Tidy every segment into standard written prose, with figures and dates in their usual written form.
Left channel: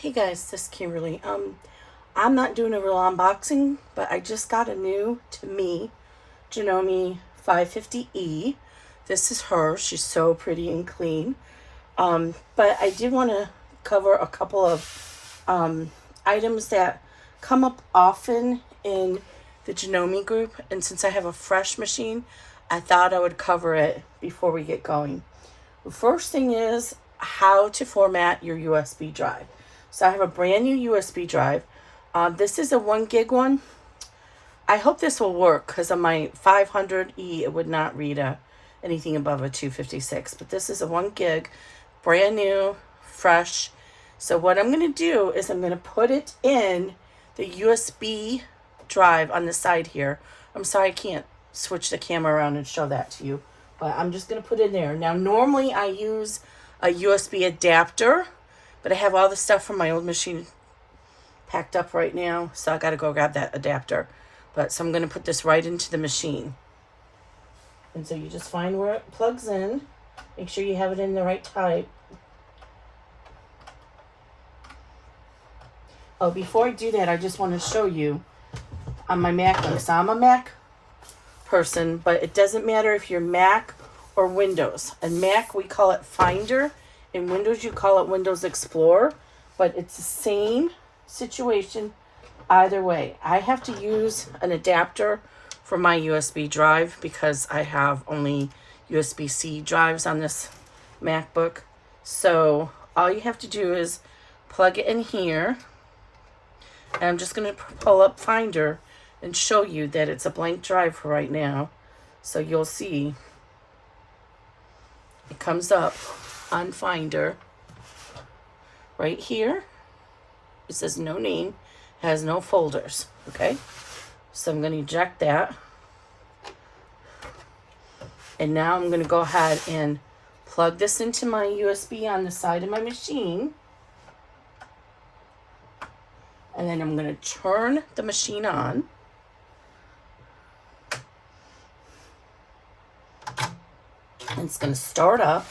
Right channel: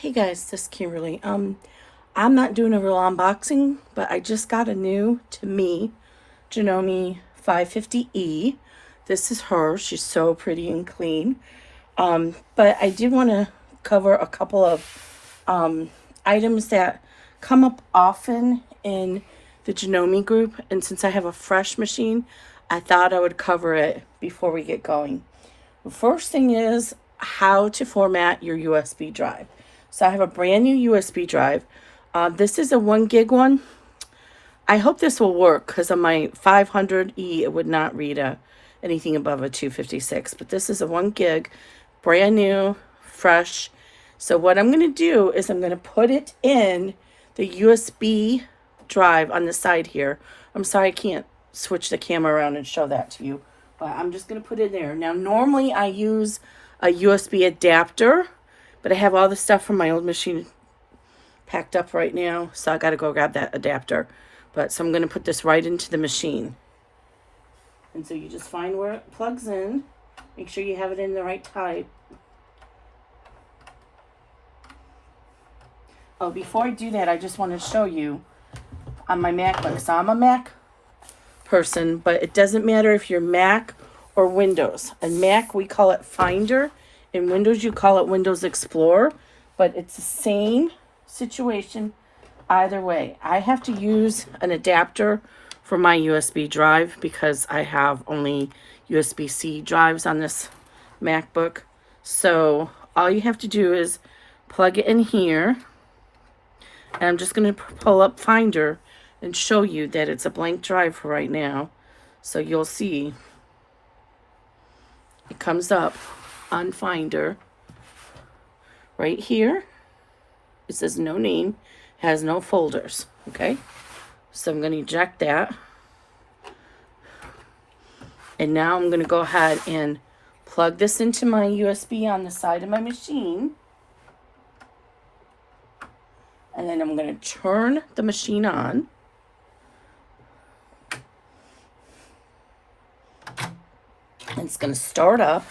Hey guys, this is Kimberly. I'm not doing a real unboxing, but I just got a new, to me, Janome 550E. This is her. She's so pretty and clean. But I did want to cover a couple of items that come up often in the Janome group. And since I have a fresh machine, I thought I would cover it before we get going. The first thing is how to format your USB drive. So I have a brand new USB drive. This is a 1 gig one. I hope this will work because on my 500E it would not read anything above a 256. But this is a 1 gig, brand new, fresh. So what I'm going to do is I'm going to put it in the USB drive on the side here. I'm sorry I can't switch the camera around and show that to you, but I'm just going to put it there. Now normally I use a USB adapter, but I have all the stuff from my old machine packed up right now, so I got to go grab that adapter. But so I'm going to put this right into the machine. And so you just find where it plugs in. Make sure you have it in the right type. Oh, before I do that, I just want to show you on my Mac. So I'm a Mac person, but it doesn't matter if you're Mac or Windows. In Mac, we call it Finder. In Windows, you call it Windows Explorer, but it's the same situation either way. I have to use an adapter for my USB drive because I have only USB-C drives on this MacBook. So all you have to do is plug it in here, and I'm just going to pull up Finder and show you that it's a blank drive for right now. So you'll see it comes up on Finder right here. It says no name, has no folders. Okay, so I'm going to eject that, and now I'm going to go ahead and plug this into my USB on the side of my machine, and then I'm going to turn the machine on. It's going to start up,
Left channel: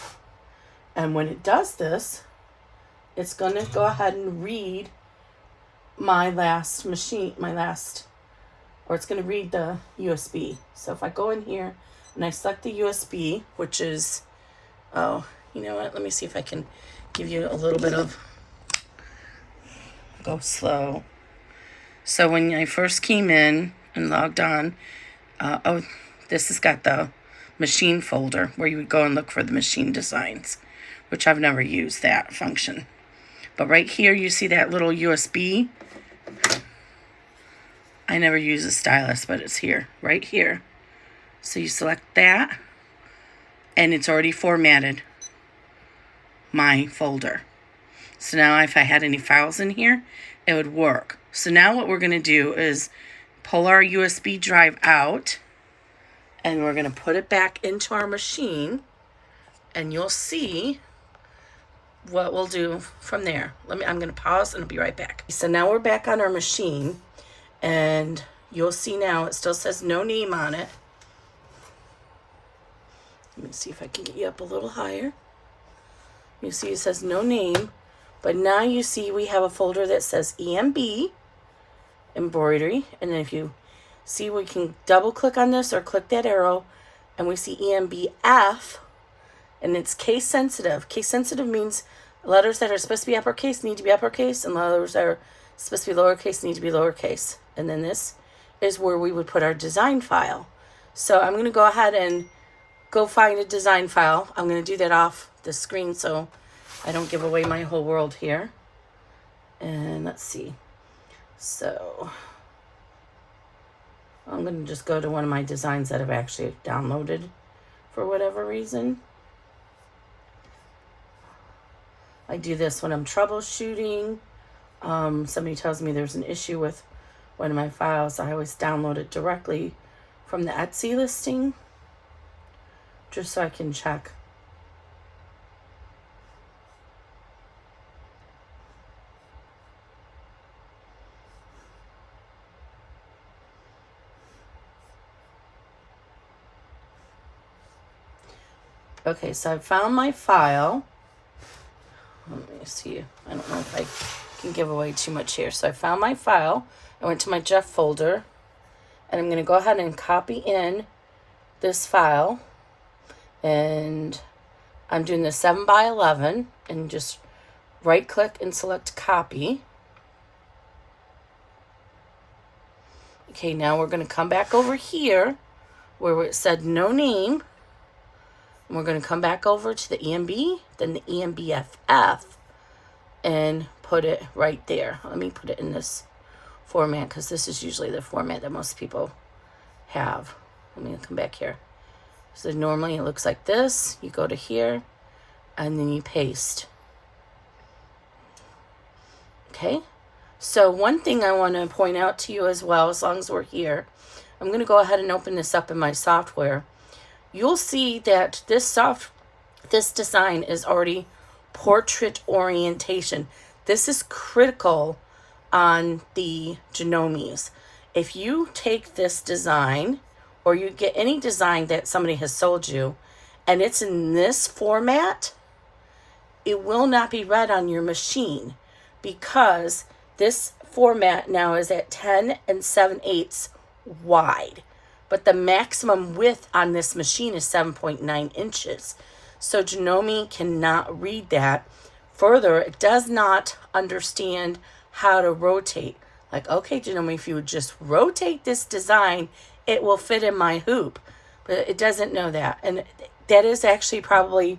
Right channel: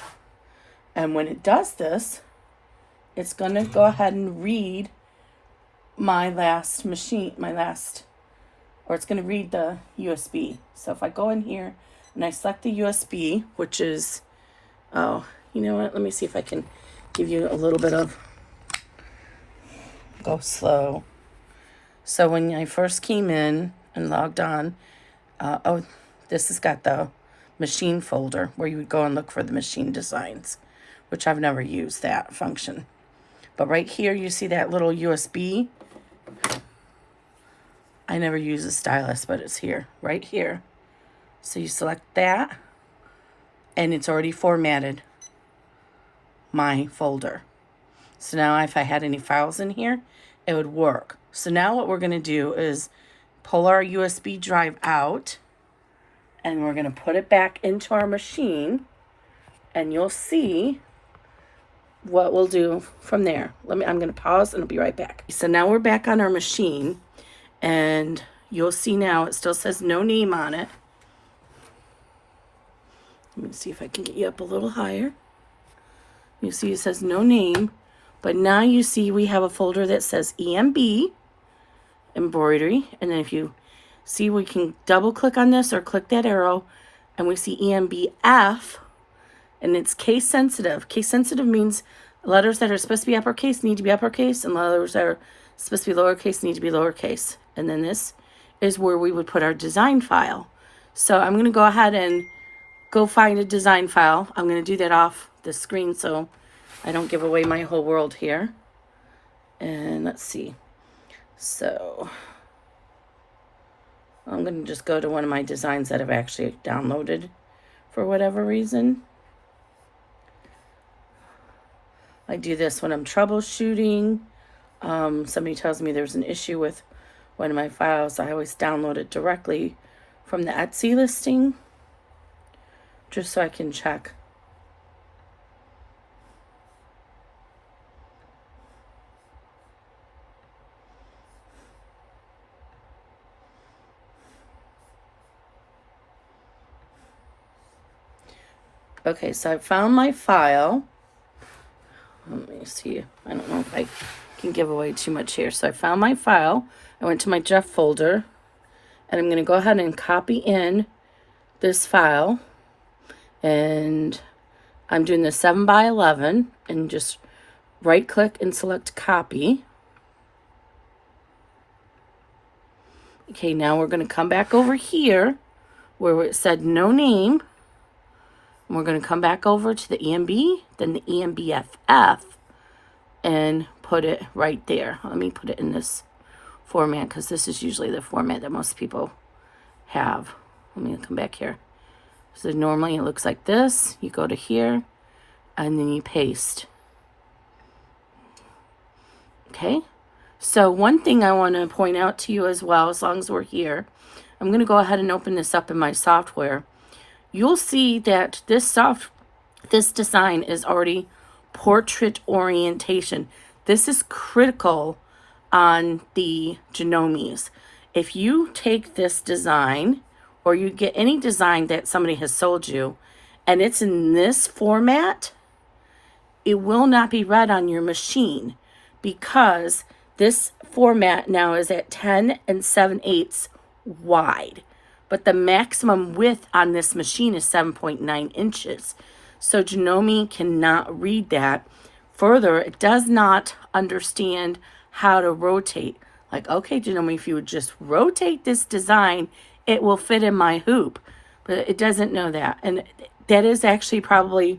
and when it does this, it's going to go ahead and read my last machine, or it's going to read the USB. So if I go in here and I select the USB, which is, oh, you know what? Let me see if I can give you a little bit of, go slow. So when I first came in and logged on, this has got the machine folder where you would go and look for the machine designs, which I've never used that function. But right here, you see that little USB. I never use a stylus, but it's here, right here. So you select that, and it's already formatted my folder. So now if I had any files in here, it would work. So now what we're going to do is pull our USB drive out, and we're going to put it back into our machine, and you'll see what we'll do from there. I'm going to pause and I'll be right back. So now we're back on our machine, and you'll see now it still says no name on it. Let me see if I can get you up a little higher. You see it says no name, but now you see we have a folder that says EMB Embroidery, and then if you see, we can double click on this or click that arrow, and we see EMBF, and it's case sensitive. Case sensitive means letters that are supposed to be uppercase need to be uppercase, and letters that are supposed to be lowercase need to be lowercase. And then this is where we would put our design file. So I'm going to go ahead and go find a design file. I'm going to do that off the screen so I don't give away my whole world here. And let's see. So I'm going to just go to one of my designs that I've actually downloaded for whatever reason. I do this when I'm troubleshooting. Somebody tells me there's an issue with one of my files. I always download it directly from the Etsy listing, just so I can check. Okay, so I found my file. Let me see. I don't know if I give away too much here. So I found my file. I went to my Jeff folder, and I'm going to go ahead and copy in this file. And I'm doing the 7x11, and just right click and select copy. Okay, now we're going to come back over here where it said no name. And we're going to come back over to the EMB, then the EMBF, and put it right there. Let me put it in this format because this is usually the format that most people have. Let me come back here. So normally it looks like this. You go to here and then you paste. Okay. So one thing I want to point out to you as well, as long as we're here, I'm going to go ahead and open this up in my software. You'll see that this design is already portrait orientation. This is critical on the Janomes. If you take this design, or you get any design that somebody has sold you, and it's in this format, it will not be read on your machine because this format now is at 10 7/8 wide. But the maximum width on this machine is 7.9 inches. So Janome cannot read that. Further, it does not understand how to rotate. Like, okay, Janome, if you would just rotate this design, it will fit in my hoop. But it doesn't know that. And that is actually probably,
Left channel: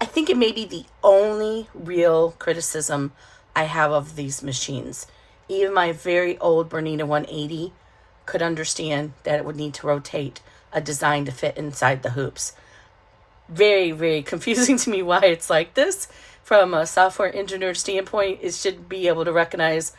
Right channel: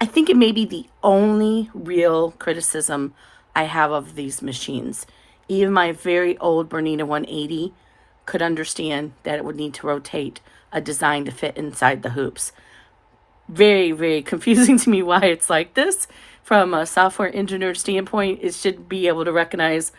I think it may be the only real criticism I have of these machines. Even my very old Bernina 180 could understand that it would need to rotate a design to fit inside the hoops. Very, very confusing to me why it's like this. From a software engineer standpoint, it should be able to recognize,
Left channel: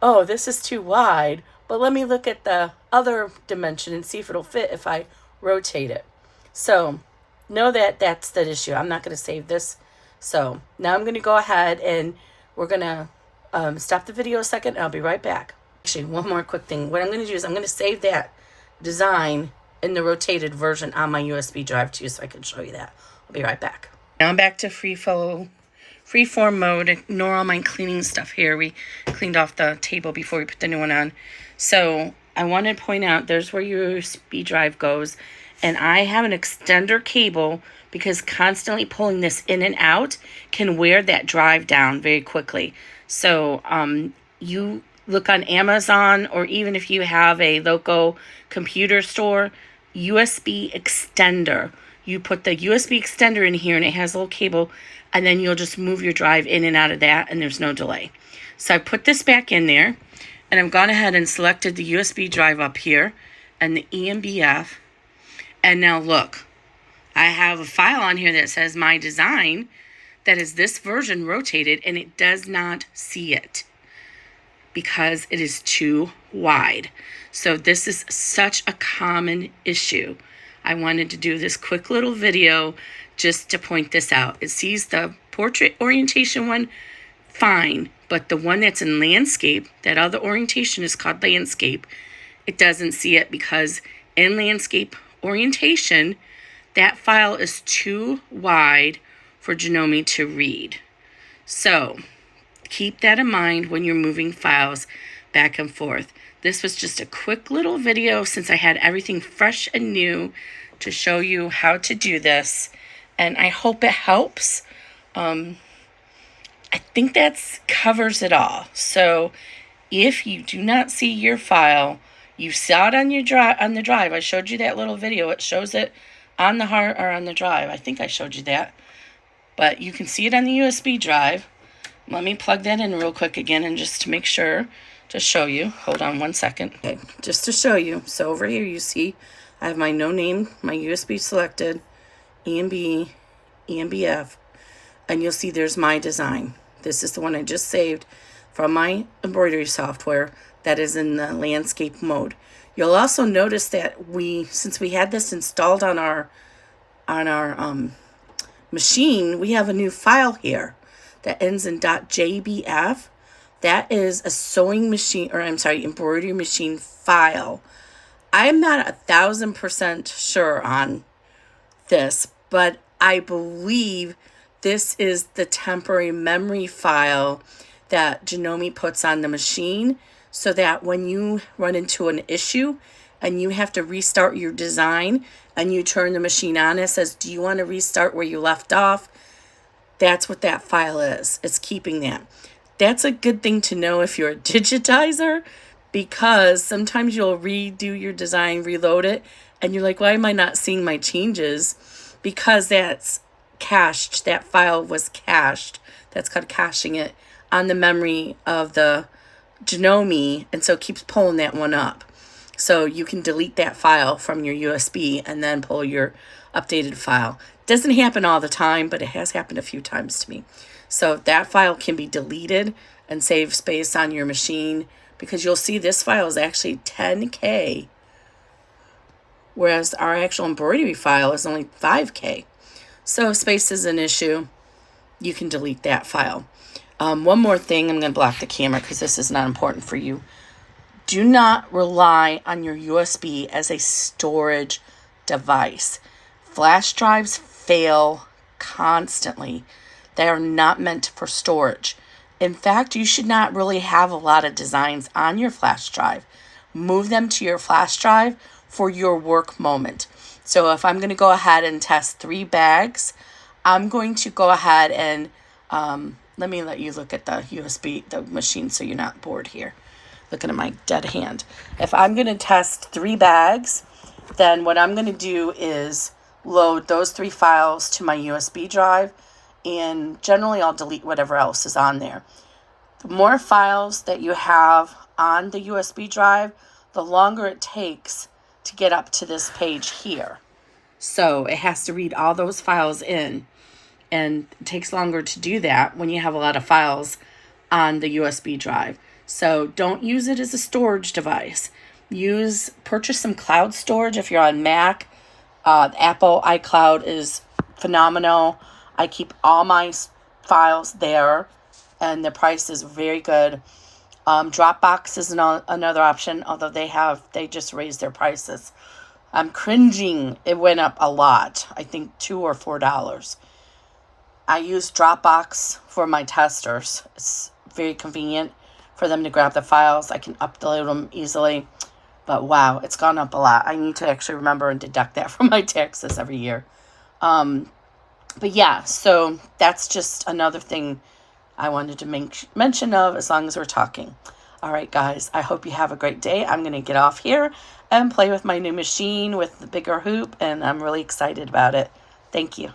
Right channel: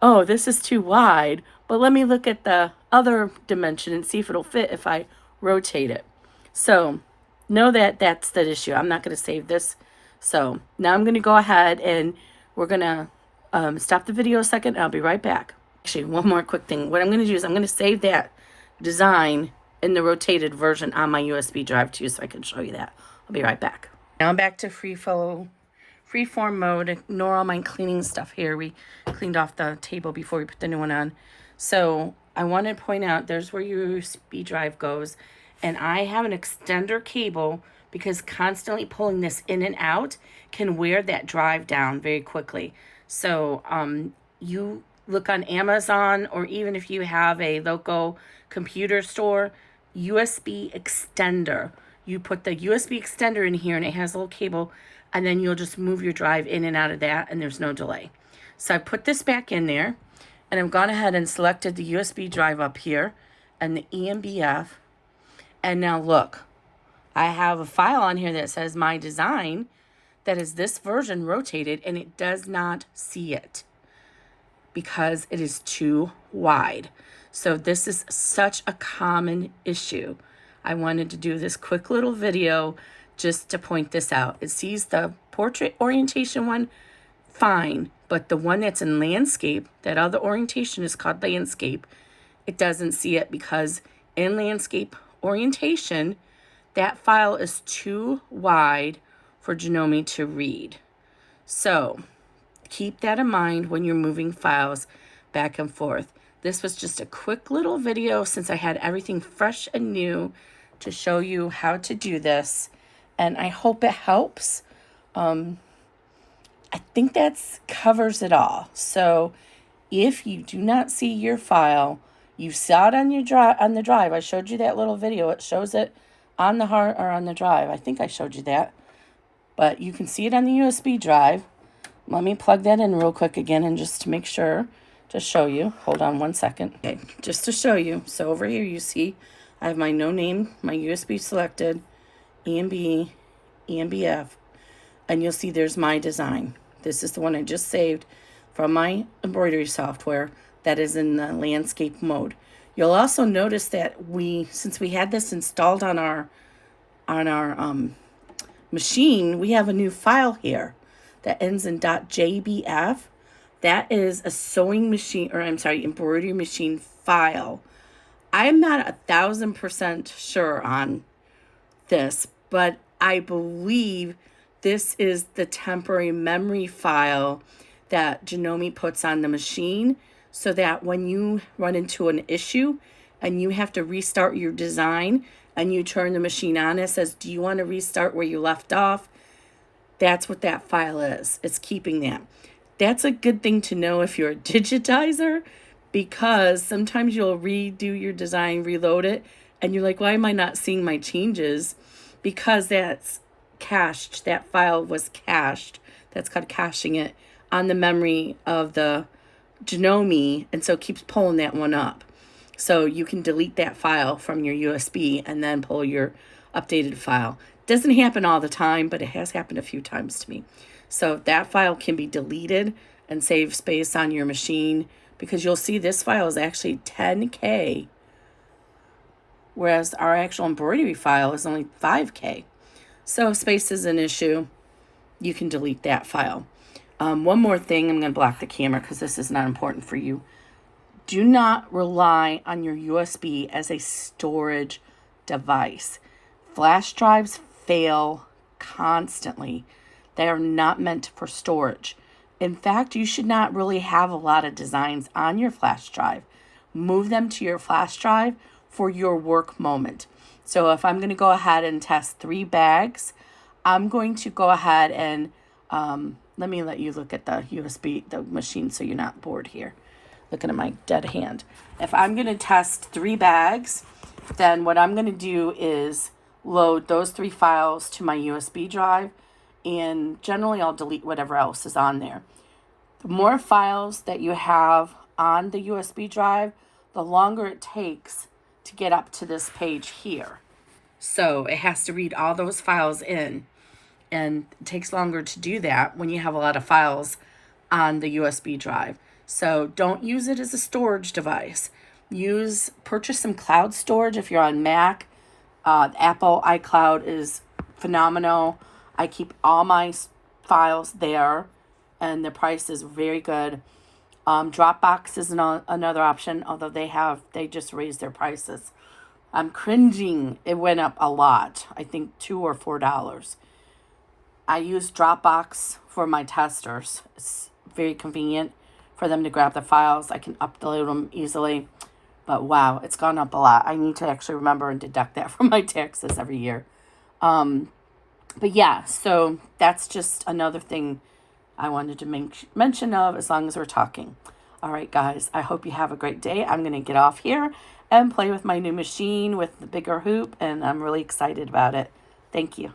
oh, this is too wide, but let me look at the other dimension and see if it'll fit if I rotate it. So know that that's the issue. I'm not going to save this. So now I'm going to go ahead and we're going to stop the video a second. I'll be right back. Actually, one more quick thing. What I'm going to do is I'm going to save that design in the rotated version on my USB drive too, so I can show you that. I'll be right back. Now I'm back to freeform mode. Ignore all my cleaning stuff here. We cleaned off the table before we put the new one on. So I want to point out, there's where your USB drive goes. And I have an extender cable because constantly pulling this in and out can wear that drive down very quickly. So you look on Amazon, or even if you have a local computer store, USB extender. You put the USB extender in here and it has a little cable, and then you'll just move your drive in and out of that and there's no delay. So I put this back in there and I've gone ahead and selected the USB drive up here and the EMBF. And now look, I have a file on here that says my design that is this version rotated, and it does not see it because it is too wide. So this is such a common issue. I wanted to do this quick little video just to point this out. It sees the portrait orientation one fine, but the one that's in landscape, that other orientation is called landscape, it doesn't see it because in landscape orientation, that file is too wide for Janome to read. So keep that in mind when you're moving files back and forth. This was just a quick little video since I had everything fresh and new to show you how to do this, and I hope it helps. I think that covers it all. So if you do not see your file, you saw it on your the drive. I showed you that little video. It shows it on the hard or on the drive. I think I showed you that, but you can see it on the USB drive. Let me plug that in real quick again, and just to make sure to show you. Hold on one second. Okay, just to show you. So over here you see I have my no name, my USB selected, EMB, EMBF, and you'll see there's my design. This is the one I just saved from my embroidery software that is in the landscape mode. You'll also notice that since we had this installed on our machine, we have a new file here that ends in .jbf. That is a sewing machine, or I'm sorry, embroidery machine file. I'm not 1,000% sure on this, but I believe this is the temporary memory file that Janome puts on the machine, so that when you run into an issue and you have to restart your design and you turn the machine on, it says, do you want to restart where you left off? That's what that file is. It's keeping that. That's a good thing to know if you're a digitizer, because sometimes you'll redo your design, reload it, and you're like, why am I not seeing my changes? Because that's cached. That file was cached. That's called caching it on the memory of the Janome, and so it keeps pulling that one up. So you can delete that file from your USB and then pull your updated file. Doesn't happen all the time, but it has happened a few times to me. So that file can be deleted and save space on your machine, because you'll see this file is actually 10K, whereas our actual embroidery file is only 5K. So space is an issue. You can delete that file. One more thing, I'm going to block the camera because this is not important for you. Do not rely on your USB as a storage device. Flash drives fail constantly. They are not meant for storage. In fact, you should not really have a lot of designs on your flash drive. Move them to your flash drive for your work moment. So if I'm going to go ahead and test 3 bags, I'm going to go ahead and let me let you look at the USB, the machine, so you're not bored here looking at my dead hand. If I'm going to test 3 bags, then what I'm going to do is load those 3 files to my USB drive, and generally I'll delete whatever else is on there. The more files that you have on the USB drive, the longer it takes to get up to this page here. So it has to read all those files in, and it takes longer to do that when you have a lot of files on the USB drive. So don't use it as a storage device. Purchase some cloud storage if you're on Mac. Apple iCloud is phenomenal. I keep all my files there, and the price is very good. Dropbox is another option, although they just raised their prices. I'm cringing. It went up a lot. I think $2 or $4. I use Dropbox for my testers. It's very convenient for them to grab the files. I can upload them easily. But wow, it's gone up a lot. I need to actually remember and deduct that from my taxes every year. But yeah, so that's just another thing I wanted to make mention of as long as we're talking. All right, guys, I hope you have a great day. I'm going to get off here and play with my new machine with the bigger hoop, and I'm really excited about it. Thank you.